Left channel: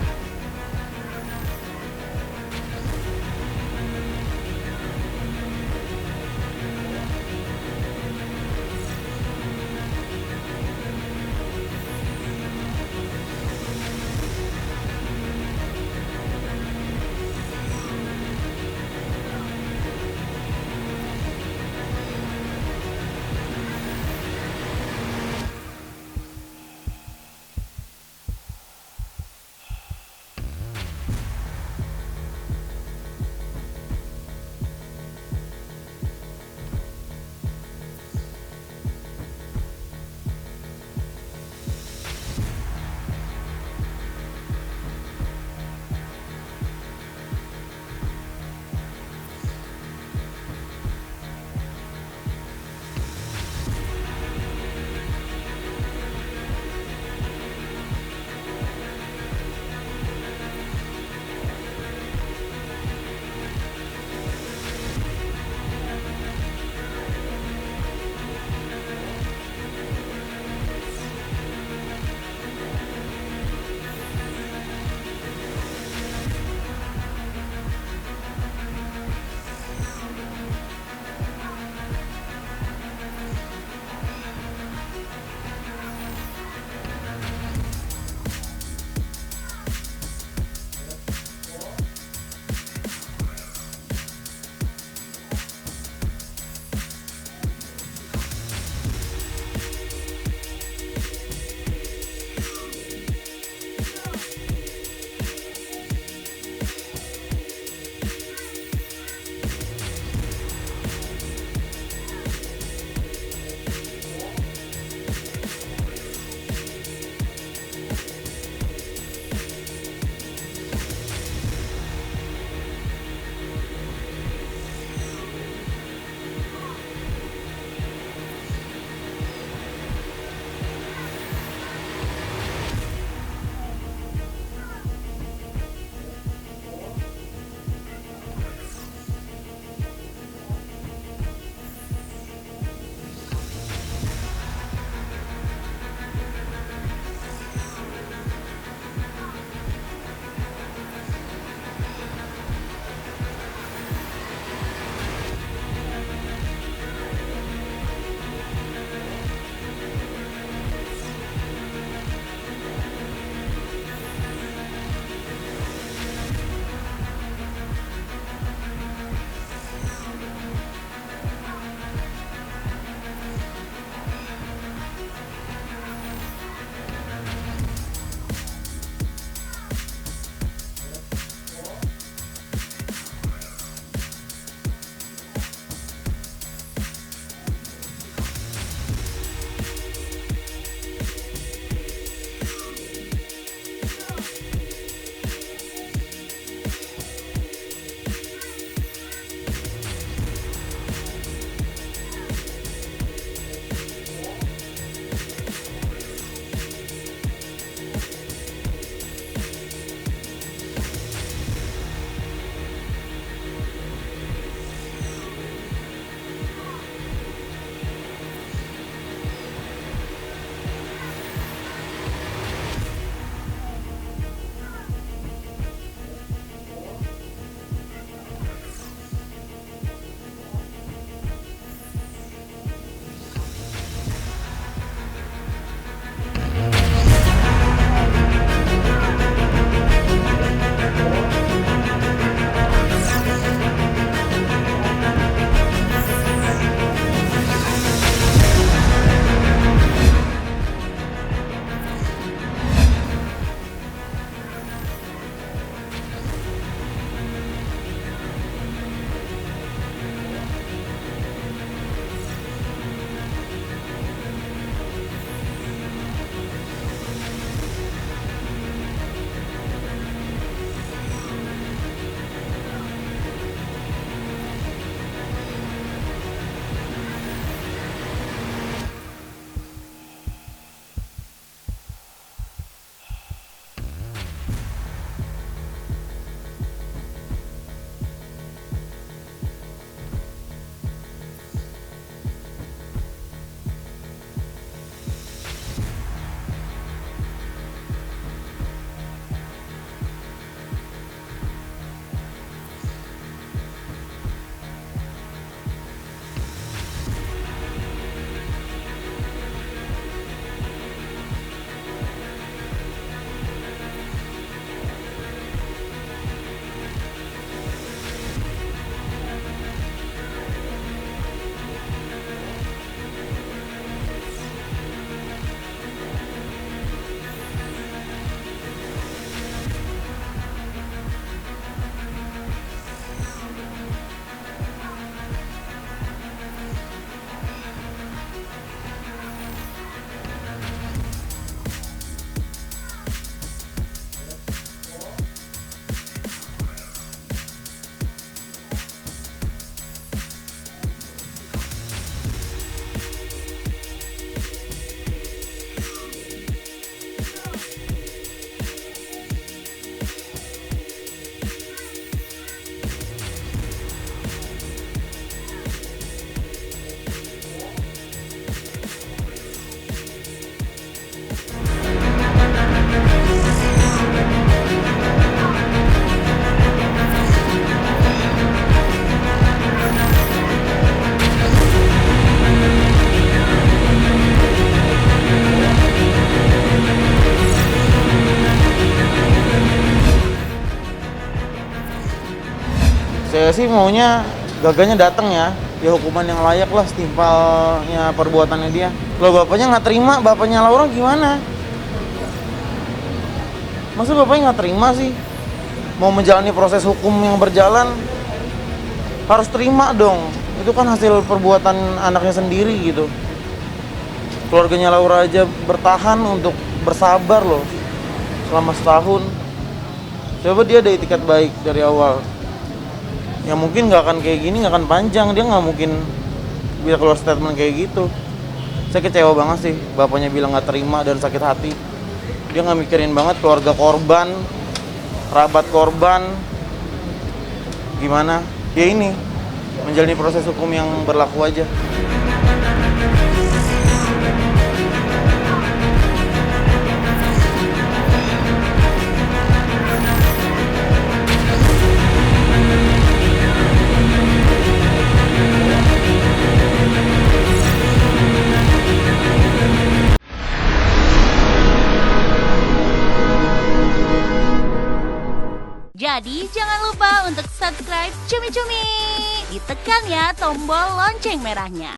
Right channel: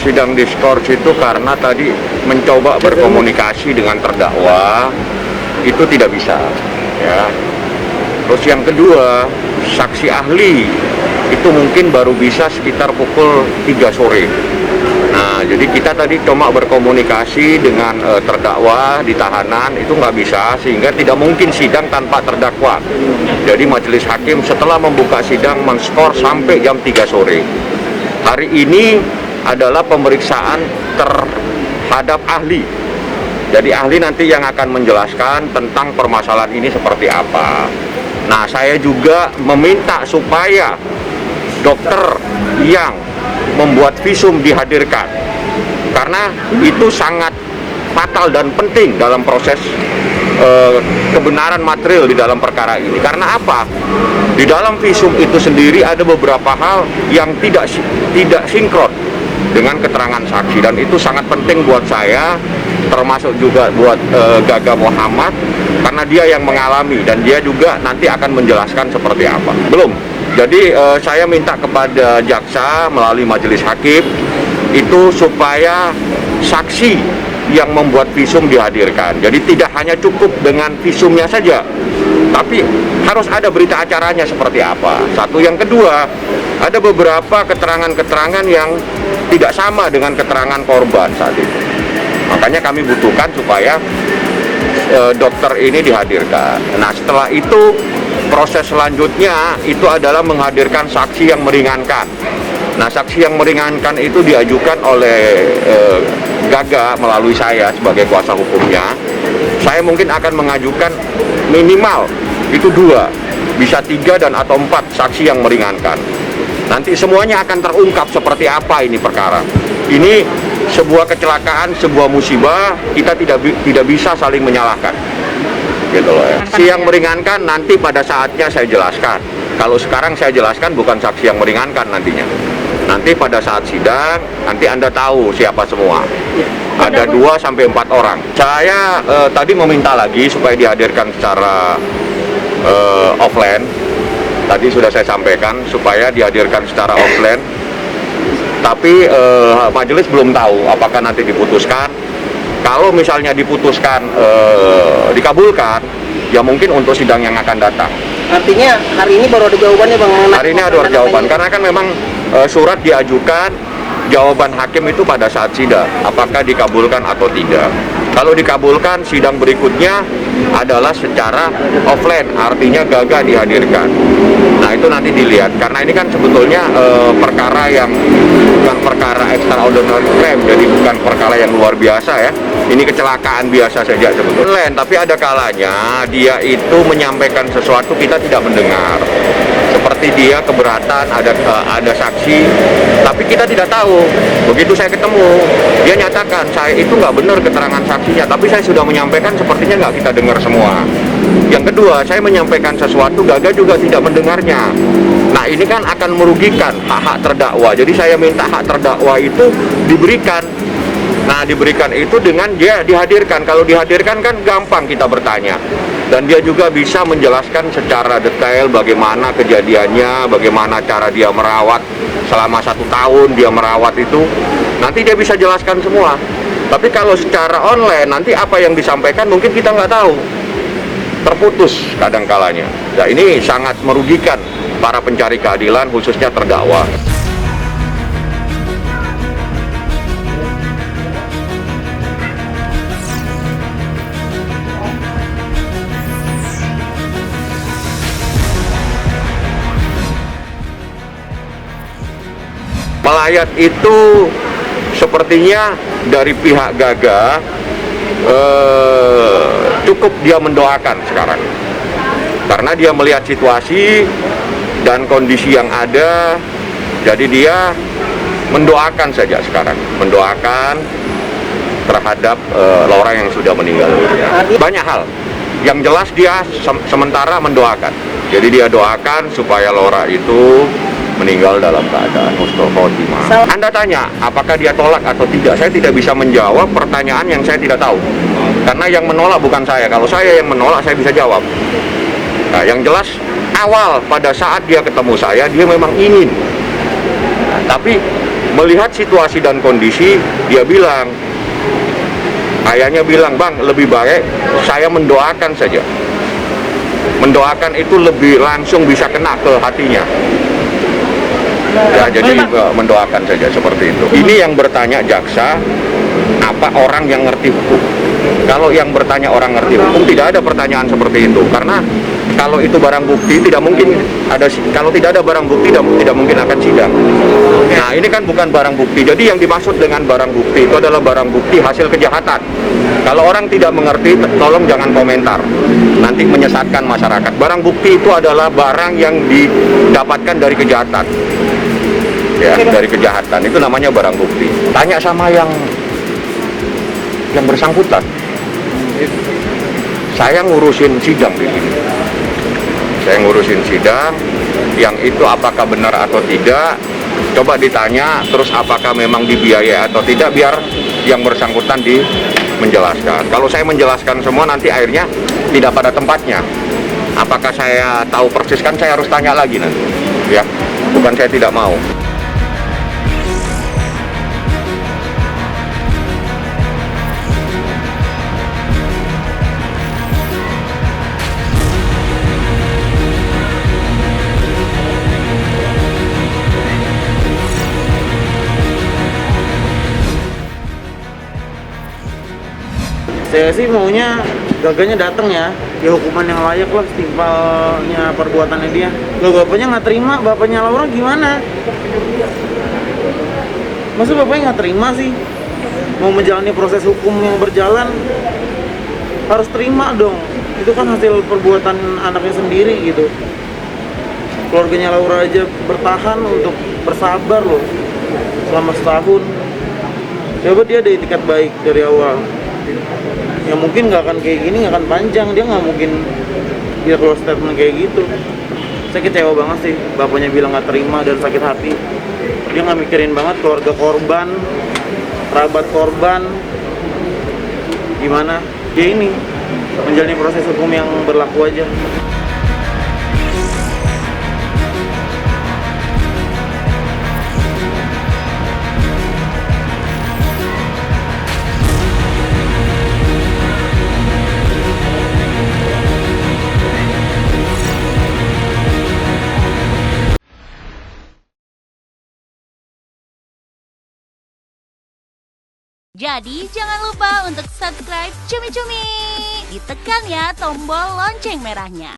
sidang diskors itu karena tadi mencoba berkomunikasi dengan terdakwa itu tidak bisa, ya. Terus yang kedua, saksi ahli itu mungkin baru bisa sekitar pukul 3 sore. Nah, jadi kita tadi cuma berkomunikasi dengan terdakwa di tahanan, itu nggak bisa, sehingga tidak mungkin sidang tanpa terdakwa. Jadi majelis hakim setelah membuka sidang men-skor sampai jam 3 sore. Hari ini adalah pemeriksaan terhadap ahli. Jadi ahli nanti yang akan menjelaskan tentang permasalahan ini seperti apa. Nah, saya juga meminta supaya dokter yang membuat visum dihadirkan, karena itu sangat fatal dan penting dalam proses kebenaran material di dalam perkara ini. Karena apa? Di dalam visum itu sendiri ada beberapa hal yang tidak sinkron dengan keterangan saksi, dan itu sangat penting buat saya, termasuk juga buat Gaga Muhammad, karena dia yang mengalami dan dia juga nanti akan menjelaskan seperti apa. Belum. Jadi saya minta kepada jaksa melalui majelis hakim itu supaya saksi yang membuat visum dihadirkan. Jadi tidak hanya cukup dengan visumnya saja, tapi harus ada berita acaranya seperti apa. Satu, yang kedua, ada beberapa keterangan-keterangan yang tidak sama dengan keterangan korban saat itu. Makanya kami butuhkan supaya dokter ini dihadirkan. Nah, setelah itu proses selanjutnya itu adalah menghadirkan saksi yang meringankan. Nah, saksi yang meringankan itu diajukan oleh Gaga melalui saya sebagai kuasa hukumnya. Saya mungkin akan mengajukan minimal itu 2, bisa 3 dan atau 4 saksi yang meringankan. Nanti semuanya akan terungkap seperti apa ini perkara. Ini sebuah kecelakaan, sebuah musibah, kita tidak bisa saling menyalahkan. Gitu loh ya. Saksi yang meringankan nanti pada saatnya saya jelaskan. Kalau sekarang saya jelaskan bukan saksi yang meringankan nantinya. Nanti pada saat sidang, nanti Anda tahu siapa semua. Ada 2 sampai 4 orang. Saya tadi meminta lagi supaya dihadirkan secara offline. Tadi sudah saya sampaikan supaya dihadirkan secara offline. Tapi majelis belum tahu apakah nanti diputuskan. Kalau misalnya diputuskan dikabulkan, ya mungkin untuk sidang yang akan datang. Artinya hari ini baru ada jawabannya, Bang? Hari ini ada jawaban, karena kan memang surat diajukan, jawaban hakim itu pada saat sidang, apakah dikabulkan atau tidak. Kalau dikabulkan, sidang berikutnya adalah secara offline, artinya Gaga dihadirkan. Nah, itu nanti dilihat, karena ini kan sebetulnya perkara yang bukan perkara extraordinary crime, jadi bukan perkara yang luar biasa ya. Ini kecelakaan biasa saja sebetulnya. Tapi ada kalanya dia itu menyampaikan sesuatu kita tidak mendengar. Seperti dia keberatan, ada saksi, tapi kita tidak tahu. Begitu saya ketemu, dia nyatakan saya itu nggak benar keterangan saksinya, tapi saya sudah menyampaikan, sepertinya nggak kita dengar semua. Yang kedua, saya menyampaikan sesuatu, Gaga juga tidak mendengarnya. Nah, ini kan akan merugikan hak terdakwa. Jadi saya minta hak terdakwa itu diberikan. Nah, diberikan itu dengan dia dihadirkan. Kalau dihadirkan kan gampang kita bertanya. Dan dia juga bisa menjelaskan secara detail bagaimana kejadiannya, bagaimana cara dia merawat selama 1 tahun dia merawat itu. Nanti dia bisa jelaskan semua. Tapi kalau secara online, nanti apa yang disampaikan mungkin kita nggak tahu. Terputus kadang-kalanya. Nah, ini sangat merugikan para pencari keadilan, khususnya terdakwa. Melayat itu sepertinya dari pihak Gaga cukup dia mendoakan sekarang, karena dia melihat situasi dan kondisi yang ada, jadi dia mendoakan saja sekarang, mendoakan terhadap orang yang sudah meninggal. Banyak hal, yang jelas dia sementara mendoakan, jadi dia doakan supaya Laura itu meninggal dalam keadaan husnul khotimah. Anda tanya, apakah dia tolak atau tidak? Saya tidak bisa menjawab pertanyaan yang saya tidak tahu. Karena yang menolak bukan saya. Kalau saya yang menolak, saya bisa jawab. Nah, yang jelas, awal pada saat dia ketemu saya, dia memang ingin. Nah, tapi Melihat situasi dan kondisi, dia bilang, ayahnya bilang, "Bang, lebih baik saya mendoakan saja." Mendoakan itu lebih langsung bisa kena ke hatinya. Ya, jadi mendoakan saja seperti itu. Ini yang bertanya jaksa, apa orang yang ngerti hukum? Kalau yang bertanya orang ngerti hukum, tidak ada pertanyaan seperti itu. Karena kalau itu barang bukti, tidak mungkin ada. Kalau tidak ada barang bukti, tidak mungkin akan sidang. Nah, ini kan bukan barang bukti. Jadi yang dimaksud dengan barang bukti itu adalah barang bukti hasil kejahatan. Kalau orang tidak mengerti, tolong jangan komentar. Nanti menyesatkan masyarakat. Barang bukti itu adalah barang yang didapatkan dari kejahatan. Ya, dari kejahatan. Itu namanya barang bukti. Tanya sama yang bersangkutan. Saya ngurusin sidang di sini. Saya ngurusin sidang. Yang itu apakah benar atau tidak? Coba ditanya, terus apakah memang dibiayai atau tidak, biar yang bersangkutan menjelaskan. Kalau saya menjelaskan semua, nanti akhirnya tidak pada tempatnya. Apakah saya tahu persis, kan saya harus tanya lagi nanti. Ya, bukan saya tidak mau. Saya sih maunya gaganya datang ya hukuman yang layak lah, setimpalnya perbuatannya dia. Kalau bapaknya nggak terima, bapaknya Laura gimana? Masa bapaknya nggak terima sih? Mau menjalani proses hukum yang berjalan, harus terima dong. Itu kan hasil perbuatan anaknya sendiri gitu. Keluarganya Laura aja bertahan untuk bersabar loh selama setahun. Coba dia ada itikat baik dari awal. Ya mungkin nggak akan kayak gini, nggak akan panjang. Dia nggak mungkin dia keluar statement kayak gitu. Saya kecewa banget sih, bapaknya bilang nggak terima dan sakit hati. Dia nggak mikirin banget keluarga korban, kerabat korban, gimana. Ya ini, menjalani proses hukum yang berlaku aja. Jadi jangan lupa untuk subscribe Cumi Cumi. Ditekan ya tombol lonceng merahnya.